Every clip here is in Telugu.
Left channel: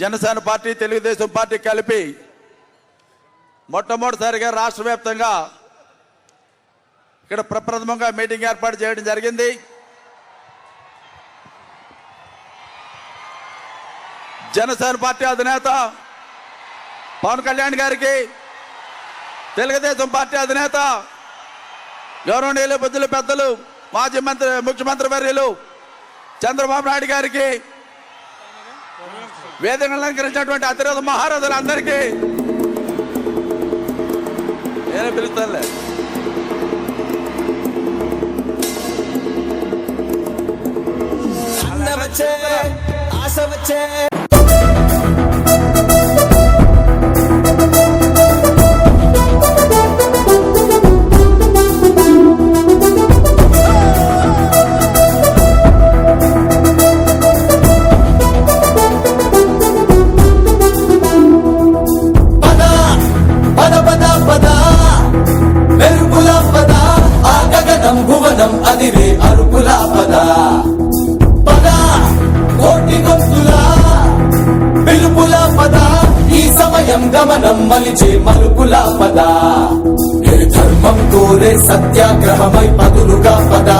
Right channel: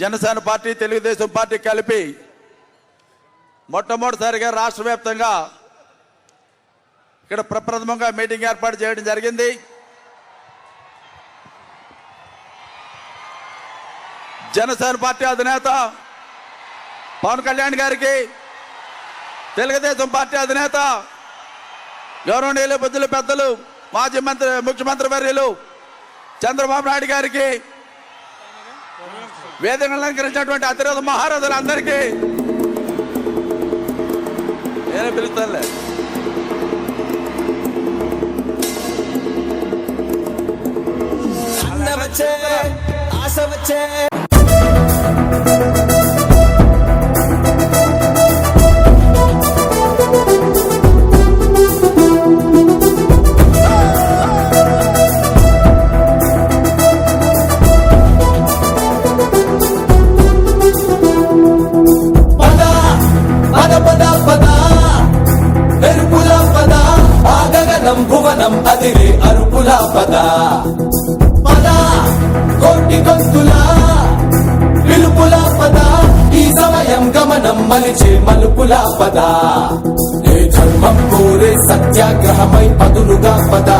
జనసేన పార్టీ తెలుగుదేశం పార్టీ కలిపి మొట్టమొదటిసారిగా రాష్ట్ర వ్యాప్తంగా ఇక్కడ ప్రప్రథమంగా మీటింగ్ ఏర్పాటు చేయడం జరిగింది. జనసేన పార్టీ అధినేత పవన్ కళ్యాణ్ గారికి, తెలుగుదేశం పార్టీ అధినేత గౌరవనీయులు బుద్ధులు పెద్దలు మాజీ ముఖ్యమంత్రి వర్యులు చంద్రబాబు నాయుడు గారికి, వేదికను అలంకరించినటువంటి అతిరథ మహారథులందరికీ నేనే పిలుస్తానులే. ఆశ వచ్చే గమనం మలిచే మలుపులా పద, ఏ ధర్మం కోరే సత్యాగ్రహమై పదులుగా పద,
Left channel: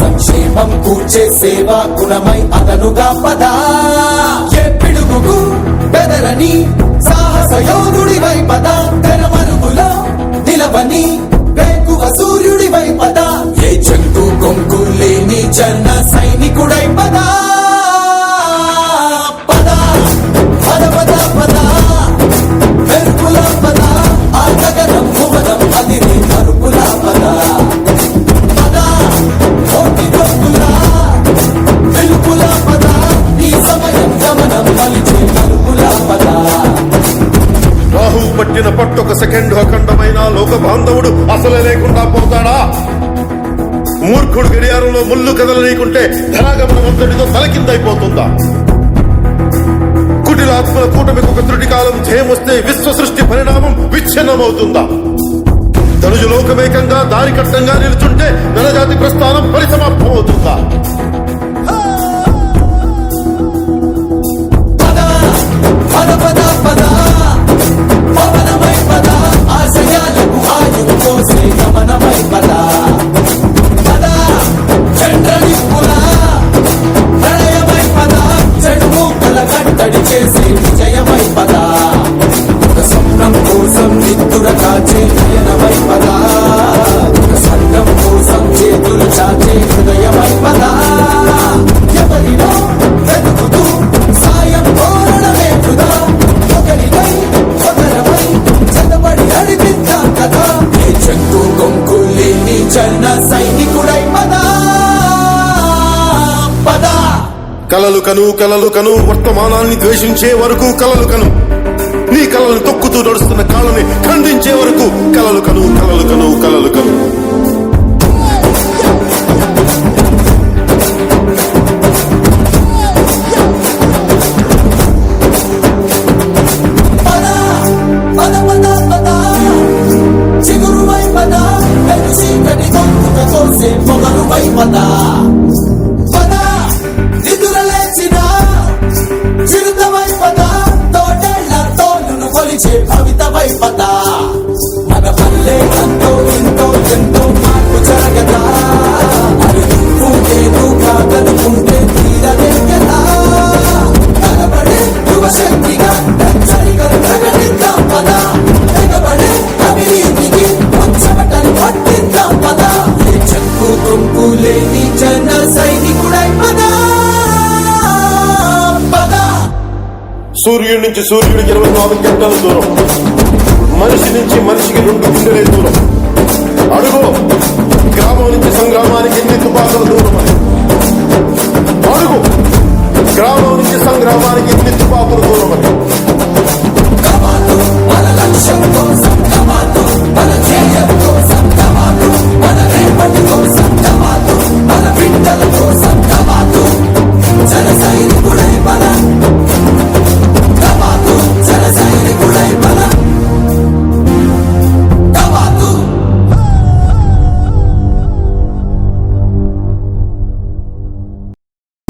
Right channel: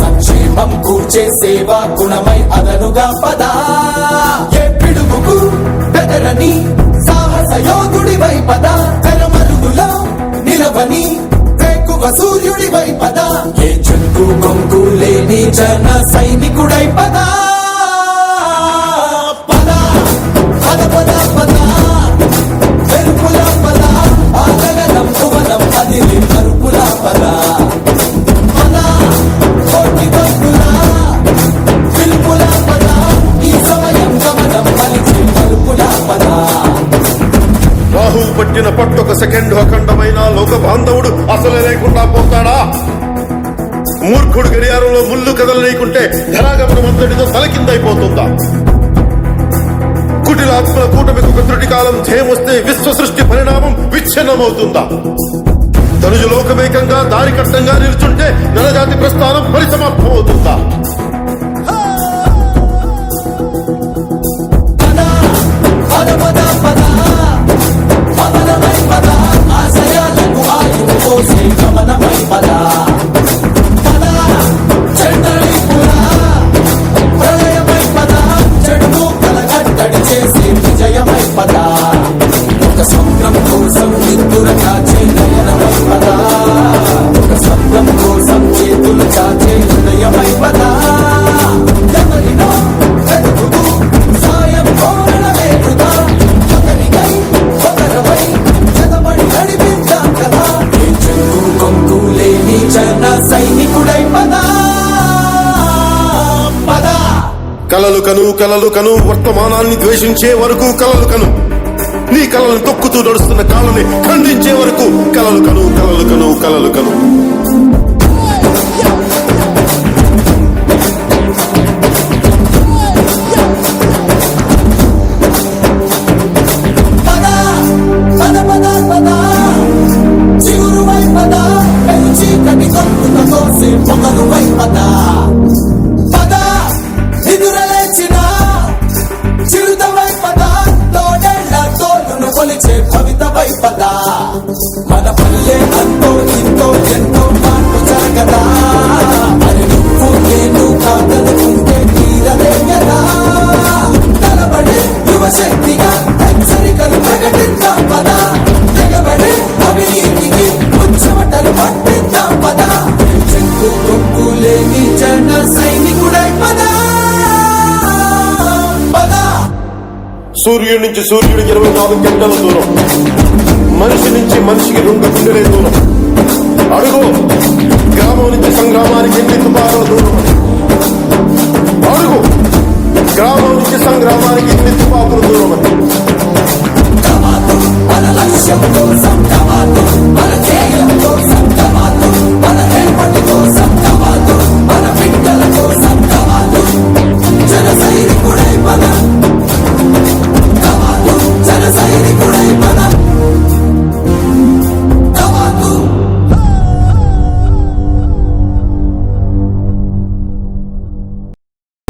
సంక్షేమం కూర్చే సేవా గుణమై అలనుగా పద, ఏ పిడుగుకు బెదరని సాహస యోధుడివై పద, తెరమరుగులో నిలవని రేకువ సూర్యుడివై పద, ఏ చెట్టు కొంకు లేని జన సైనికుడై పద. రాహు పట్టిన పట్టొక సెకండ్ అఖండమైన లోక బాంధవుడు అసలే లేకుండా పోతాడా? మూర్ఖుడు గడియారంలో ముళ్ళు కదలనీకుంటే ధరాగమనం అంతటితో తలకిందైపోతుందా? కుటిలాత్మల కూటమికి ఒక త్రుటి కాలం ధ్యేయమొస్తే విశ్వ సృష్టి పరిణామం విచ్ఛిన్నమవుతుందా? తనుజు లోకమేకంగా దారి కట్టంగా నిలుచుంటే నరజాతి ప్రస్థానం పరిసమాప్తం అవుతుందా? కలలు కను కలలు కను వర్తమానాన్ని ద్వేషించే వరకు కలలు కను, నీ కలలను తొక్కుతూ నడుస్తున్న కాళ్ళని ఖండించే వరకు కలలు కను కలలు కను కలలు కను. మన పల్లె అంతో ఎంతో ఎంతో మార్పు జరగదా, అది నువ్వు నేను కాదనుకుంటే తీరదే కదా, కనబడే యువశక్తిగా హెచ్చరికలు ప్రకటిద్దాం పద, తెగబడే అవినీతికి ముచ్చమటలు పట్టిద్దాం పద, చెట్టు కొంపు లేని జన సైనికుడై పద. సూర్యుడి నుంచి సూర్యుడికి 24 గంటల దూరం, మనిషి నుంచి మనిషికి 2 గుండెలే దూరం. అడుగు గ్రామం నుంచి సంగ్రామానికి ఎన్ని తుపాకుల దూరం అని, అడుగు గ్రామం నుంచి సంగ్రామానికి ఎన్ని తుపాకుల దూరం అని. మన బిడ్డల కోసం